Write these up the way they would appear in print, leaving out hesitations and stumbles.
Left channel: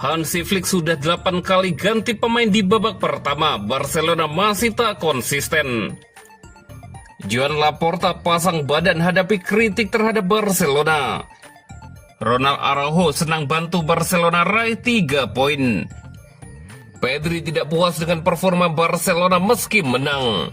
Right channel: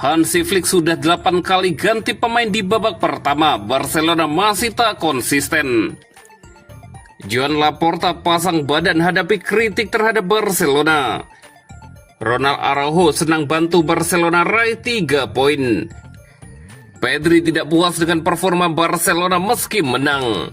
Hansi Flick sudah 8 kali ganti pemain di babak pertama. Barcelona masih tak konsisten. Joan Laporta pasang badan hadapi kritik terhadap Barcelona. Ronald Araujo senang bantu Barcelona raih 3 poin. Pedri tidak puas dengan performa Barcelona meski menang.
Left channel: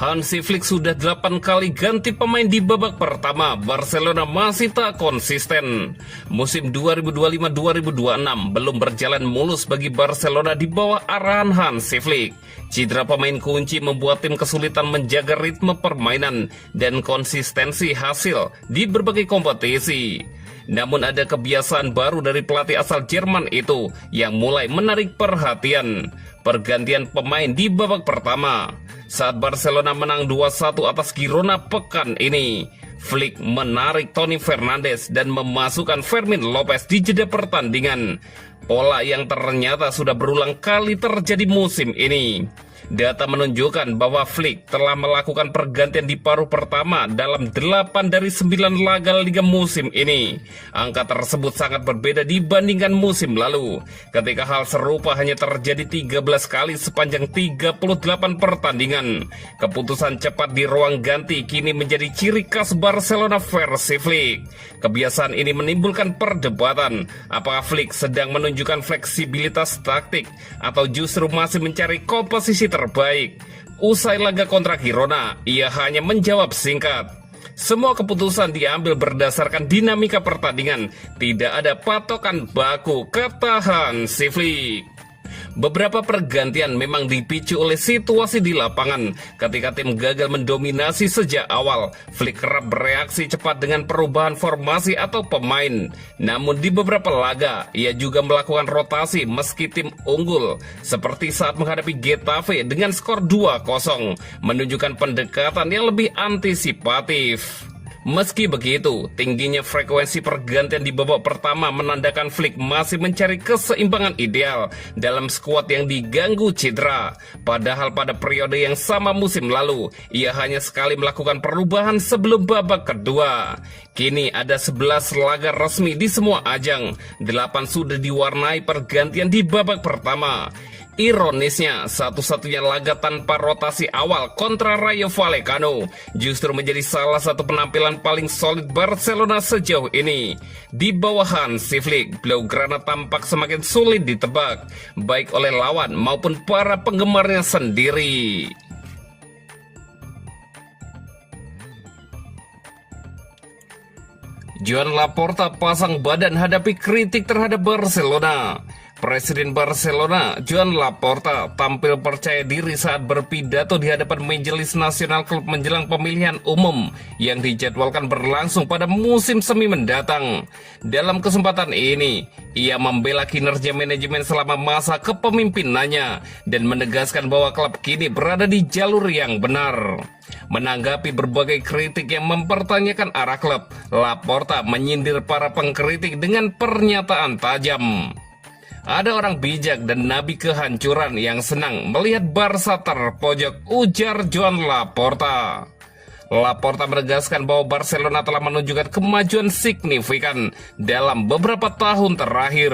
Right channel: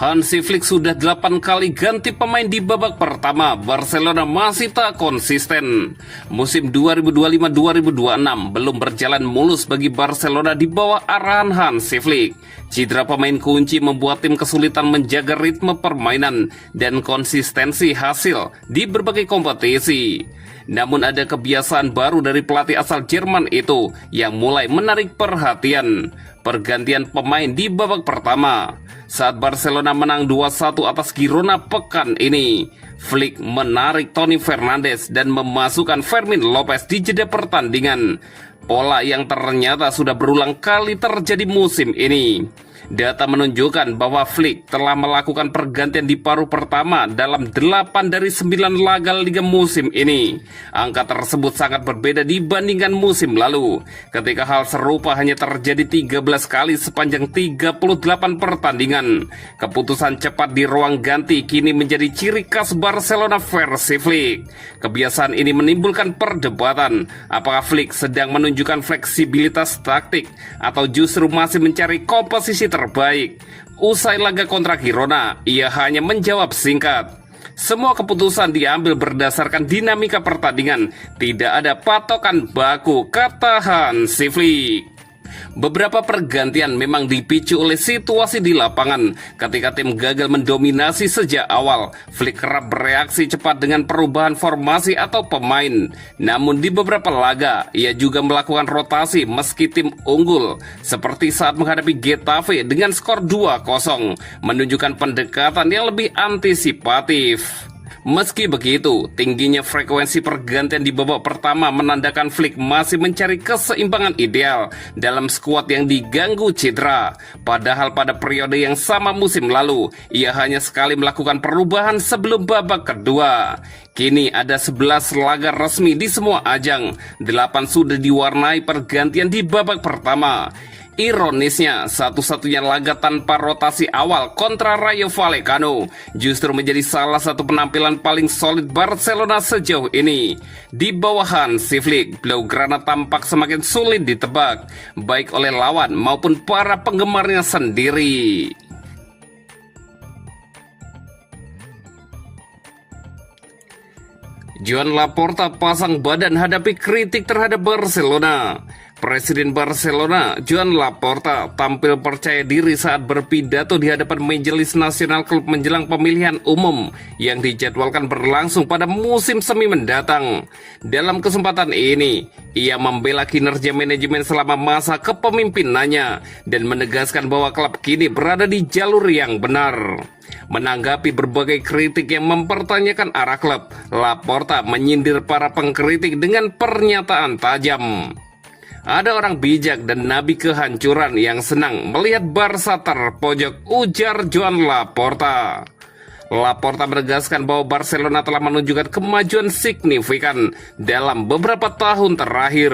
Hansi Flick sudah 8 kali ganti pemain di babak pertama. Barcelona masih tak konsisten. Musim 2025-2026 belum berjalan mulus bagi Barcelona di bawah arahan Hansi Flick. Cedera pemain kunci membuat tim kesulitan menjaga ritme permainan dan konsistensi hasil di berbagai kompetisi. Namun ada kebiasaan baru dari pelatih asal Jerman itu yang mulai menarik perhatian. Pergantian pemain di babak pertama. Saat Barcelona menang 2-1 atas Girona pekan ini, Flick menarik Toni Fernandes dan memasukkan Fermin Lopez di jeda pertandingan. Pola yang ternyata sudah berulang kali terjadi musim ini. Data menunjukkan bahwa Flick telah melakukan pergantian di paruh pertama dalam 8 dari 9 laga Liga musim ini. Angka tersebut sangat berbeda dibandingkan musim lalu, ketika hal serupa hanya terjadi 13 kali sepanjang 38 pertandingan. Keputusan cepat di ruang ganti kini menjadi ciri khas Barcelona versi Flick. Kebiasaan ini menimbulkan perdebatan, apakah Flick sedang menunjukkan fleksibilitas taktik atau justru masih mencari komposisi terbaik. Usai laga kontra Girona, ia hanya menjawab singkat, "Semua keputusan diambil berdasarkan dinamika pertandingan, tidak ada patokan baku," kata Hansi Flick. Beberapa pergantian memang dipicu oleh situasi di lapangan. Ketika tim gagal mendominasi sejak awal, Flick kerap bereaksi cepat dengan perubahan formasi atau pemain. Namun di beberapa laga, ia juga melakukan rotasi meski tim unggul, seperti saat menghadapi Getafe dengan skor 2-0, menunjukkan pendekatan yang lebih antisipatif. Meski begitu, tingginya frekuensi pergantian di babak pertama menandakan Flick masih mencari keseimbangan ideal dalam skuad yang diganggu cedera. Padahal pada periode yang sama musim lalu, ia hanya sekali melakukan perubahan sebelum babak kedua. Kini ada 11 laga resmi di semua ajang, 8 sudah diwarnai pergantian di babak pertama. Ironisnya, satu-satunya laga tanpa rotasi awal kontra Rayo Vallecano justru menjadi salah satu penampilan paling solid Barcelona sejauh ini. Di bawah Hansi Flick, Blaugrana tampak semakin sulit ditebak, baik oleh lawan maupun para penggemarnya sendiri. Joan Laporta pasang badan hadapi kritik terhadap Barcelona. Presiden Barcelona, Joan Laporta, tampil percaya diri saat berpidato di hadapan Majelis Nasional Klub menjelang pemilihan umum yang dijadwalkan berlangsung pada musim semi mendatang. Dalam kesempatan ini, ia membela kinerja manajemen selama masa kepemimpinannya dan menegaskan bahwa klub kini berada di jalur yang benar. Menanggapi berbagai kritik yang mempertanyakan arah klub, Laporta menyindir para pengkritik dengan pernyataan tajam. "Ada orang bijak dan nabi kehancuran yang senang melihat Barca terpojok," ujar Joan Laporta. Laporta menegaskan bahwa Barcelona telah menunjukkan kemajuan signifikan dalam beberapa tahun terakhir.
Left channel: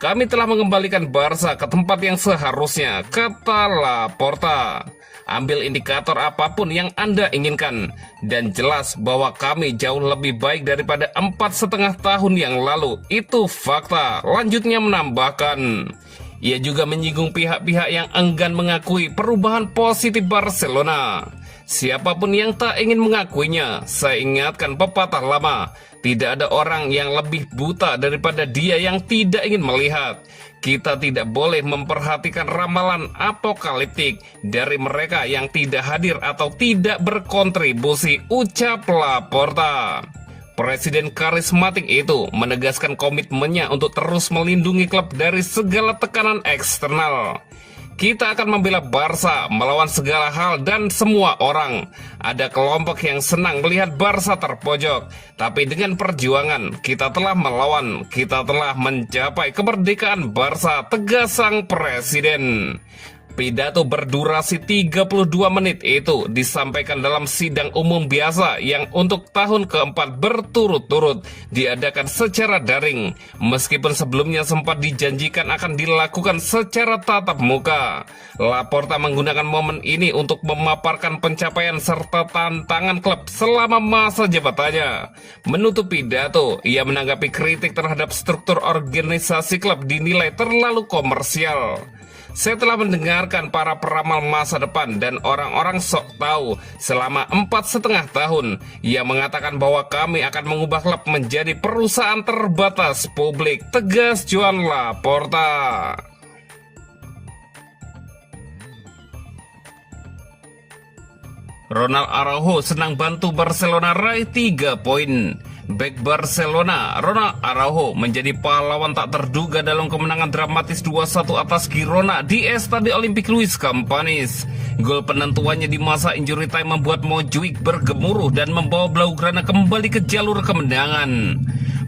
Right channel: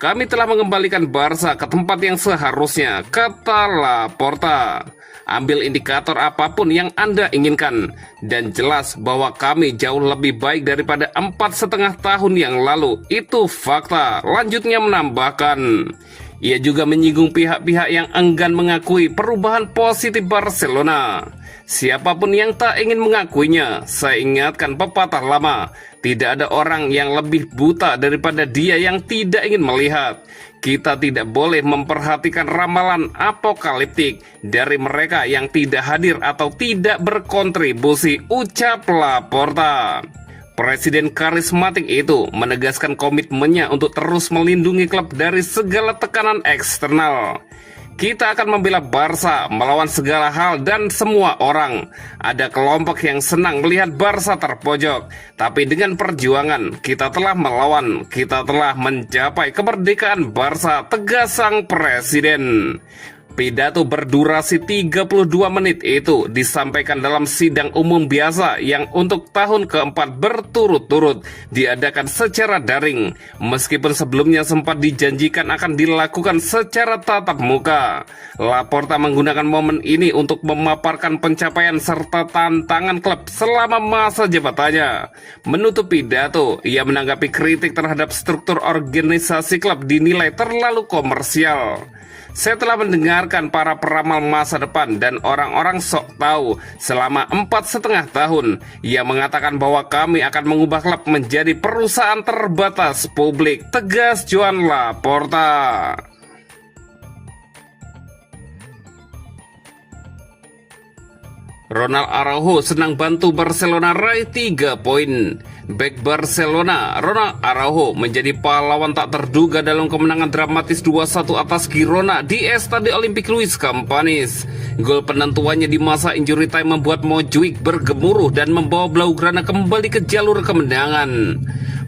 "Kami telah mengembalikan Barca ke tempat yang seharusnya," kata Laporta. "Ambil indikator apapun yang Anda inginkan, dan jelas bahwa kami jauh lebih baik daripada 4,5 tahun yang lalu. Itu fakta," lanjutnya menambahkan. Ia juga menyinggung pihak-pihak yang enggan mengakui perubahan positif Barcelona. "Siapapun yang tak ingin mengakuinya, saya ingatkan pepatah lama, tidak ada orang yang lebih buta daripada dia yang tidak ingin melihat. Kita tidak boleh memperhatikan ramalan apokaliptik dari mereka yang tidak hadir atau tidak berkontribusi," ucap Laporta. Presiden karismatik itu menegaskan komitmennya untuk terus melindungi klub dari segala tekanan eksternal. "Kita akan membela Barca melawan segala hal dan semua orang. Ada kelompok yang senang melihat Barca terpojok, tapi dengan perjuangan kita telah melawan, kita telah mencapai kemerdekaan Barca," tegas sang presiden. Pidato berdurasi 32 menit itu disampaikan dalam sidang umum biasa yang untuk tahun keempat berturut-turut diadakan secara daring, meskipun sebelumnya sempat dijanjikan akan dilakukan secara tatap muka. Laporta menggunakan momen ini untuk memaparkan pencapaian serta tantangan klub selama masa jabatannya. Menutup pidato, ia menanggapi kritik terhadap struktur organisasi klub dinilai terlalu komersial. Saya telah mendengarkan para peramal masa depan dan orang-orang sok tahu selama 4,5 tahun. Ia mengatakan bahwa kami akan mengubah klub menjadi perusahaan terbatas publik, tegas Joan Laporta. Ronald Araujo senang bantu Barcelona raih 3 poin. Bek Barcelona, Ronald Araujo menjadi pahlawan tak terduga dalam kemenangan dramatis 2-1 atas Girona di Estadio Olympique Luis Companys. Gol penentuannya di masa injury time membuat Montjuic bergemuruh dan membawa Blaugrana kembali ke jalur kemenangan.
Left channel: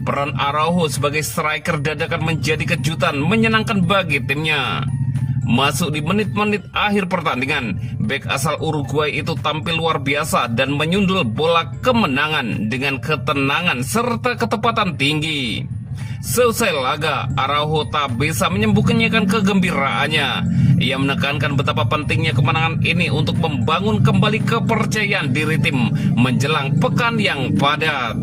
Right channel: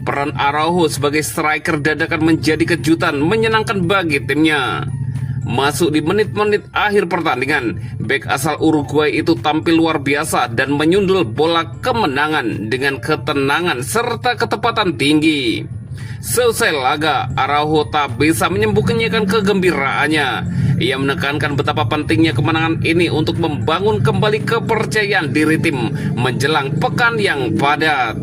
Peran Araujo sebagai striker dadakan menjadi kejutan menyenangkan bagi timnya. Masuk di menit-menit akhir pertandingan, bek asal Uruguay itu tampil luar biasa dan menyundul bola kemenangan dengan ketenangan serta ketepatan tinggi. Selesai laga, Araujo tak bisa menyembunyikan kegembiraannya. Ia menekankan betapa pentingnya kemenangan ini untuk membangun kembali kepercayaan diri tim menjelang pekan yang padat.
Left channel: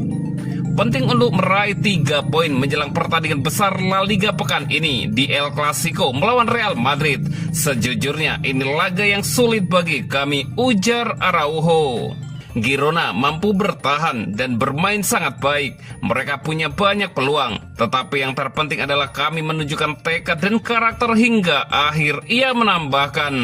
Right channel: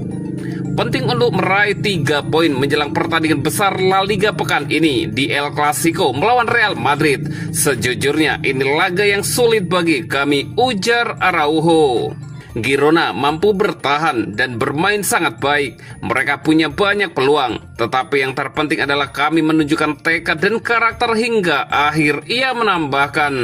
Penting untuk meraih 3 poin menjelang pertandingan besar La Liga pekan ini di El Clasico melawan Real Madrid. Sejujurnya ini laga yang sulit bagi kami, ujar Araujo. Girona mampu bertahan dan bermain sangat baik. Mereka punya banyak peluang, tetapi yang terpenting adalah kami menunjukkan tekad dan karakter hingga akhir. Ia menambahkan,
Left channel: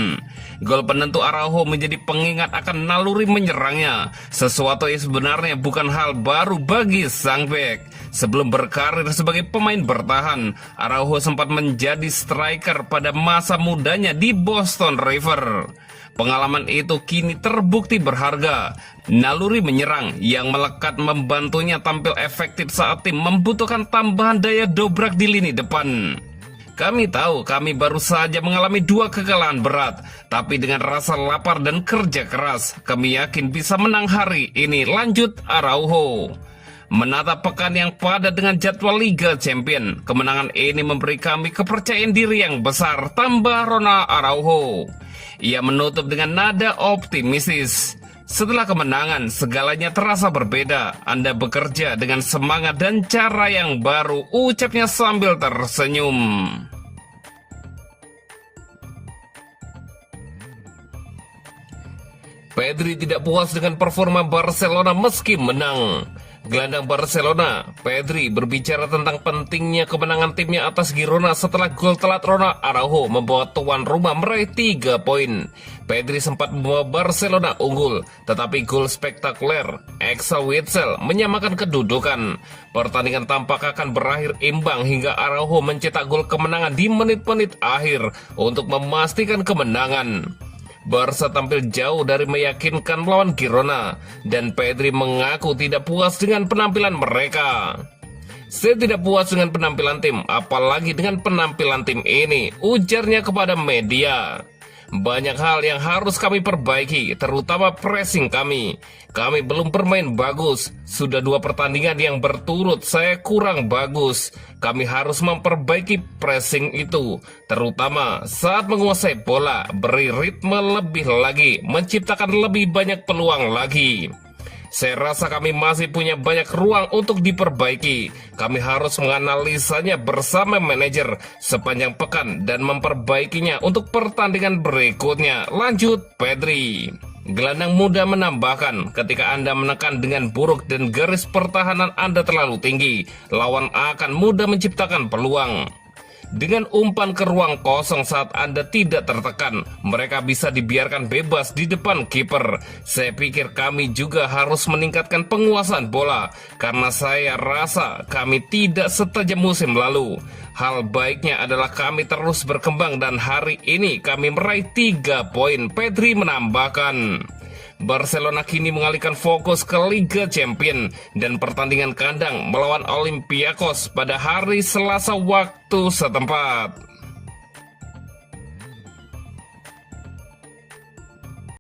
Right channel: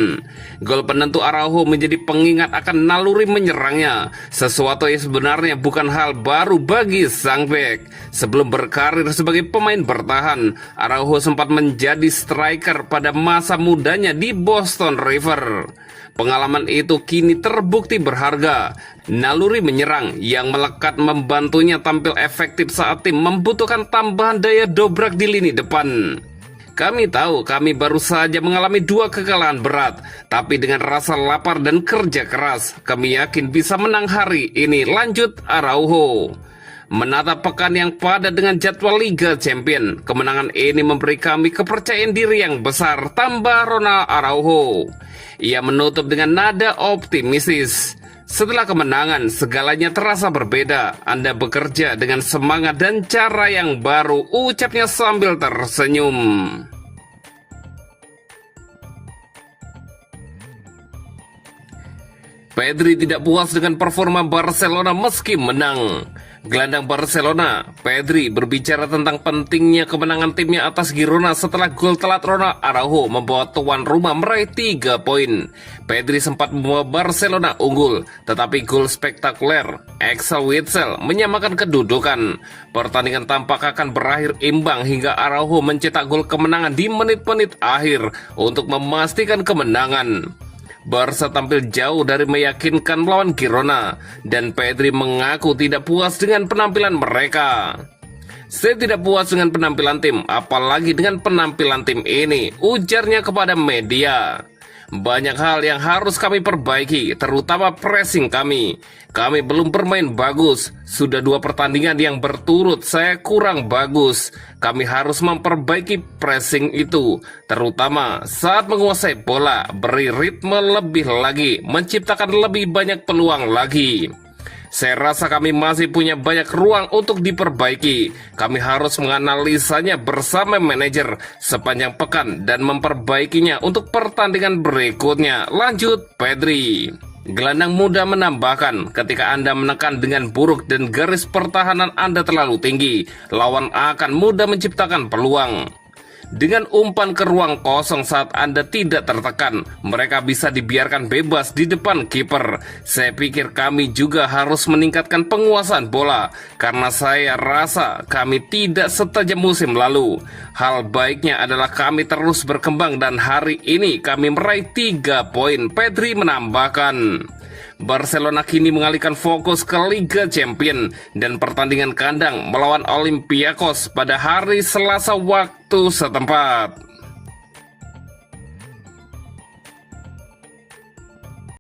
gol penentu Araujo menjadi pengingat akan naluri menyerangnya, sesuatu yang sebenarnya bukan hal baru bagi sang bek. Sebelum berkarir sebagai pemain bertahan, Araujo sempat menjadi striker pada masa mudanya di Boston River. Pengalaman itu kini terbukti berharga. Naluri menyerang yang melekat membantunya tampil efektif saat tim membutuhkan tambahan daya dobrak di lini depan. Kami tahu kami baru saja mengalami 2 kekalahan berat, tapi dengan rasa lapar dan kerja keras, kami yakin bisa menang hari ini, lanjut Araujo. Menatap pekan yang padat dengan jadwal Liga Champion, kemenangan ini memberi kami kepercayaan diri yang besar, tambah Ronald Araujo. Ia menutup dengan nada optimistis. Setelah kemenangan, segalanya terasa berbeda. Anda bekerja dengan semangat dan cara yang baru, ucapnya sambil tersenyum. Pedri tidak puas dengan performa Barcelona meski menang. Gelandang Barcelona, Pedri, berbicara tentang pentingnya kemenangan timnya atas Girona setelah gol telat Ronald Araujo membawa tuan rumah meraih 3 poin. Pedri sempat membawa Barcelona unggul, tetapi gol spektakuler Axel Witsel menyamakan kedudukan. Pertandingan tampak akan berakhir imbang hingga Araujo mencetak gol kemenangan di menit-menit akhir untuk memastikan kemenangan. Barca tampil jauh dari meyakinkan melawan Girona, dan Pedri mengaku tidak puas dengan penampilan mereka. Saya tidak puas dengan penampilan tim, apalagi dengan penampilan tim ini, ujarnya kepada media. Banyak hal yang harus kami perbaiki, terutama pressing kami. Kami belum bermain bagus. Sudah 2 pertandingan yang berturut saya kurang bagus. Kami harus memperbaiki pressing itu, terutama saat menguasai bola, beri ritme lebih lagi, menciptakan lebih banyak peluang lagi. Saya rasa kami masih punya banyak ruang untuk diperbaiki. Kami harus menganalisanya bersama manajer sepanjang pekan dan memperbaikinya untuk pertandingan berikutnya, lanjut Pedri. Gelandang muda menambahkan, ketika Anda menekan dengan buruk dan garis pertahanan Anda terlalu tinggi, lawan akan mudah menciptakan peluang. Dengan umpan ke ruang kosong saat Anda tidak tertekan, mereka bisa dibiarkan bebas di depan kiper. Saya pikir kami juga harus meningkatkan penguasaan bola, karena saya rasa kami tidak setajam musim lalu. Hal baiknya adalah kami terus berkembang dan hari ini kami meraih 3 poin, Pedri menambahkan. Barcelona kini mengalihkan fokus ke Liga Champion dan pertandingan kandang melawan Olympiakos pada hari Selasa waktu setempat.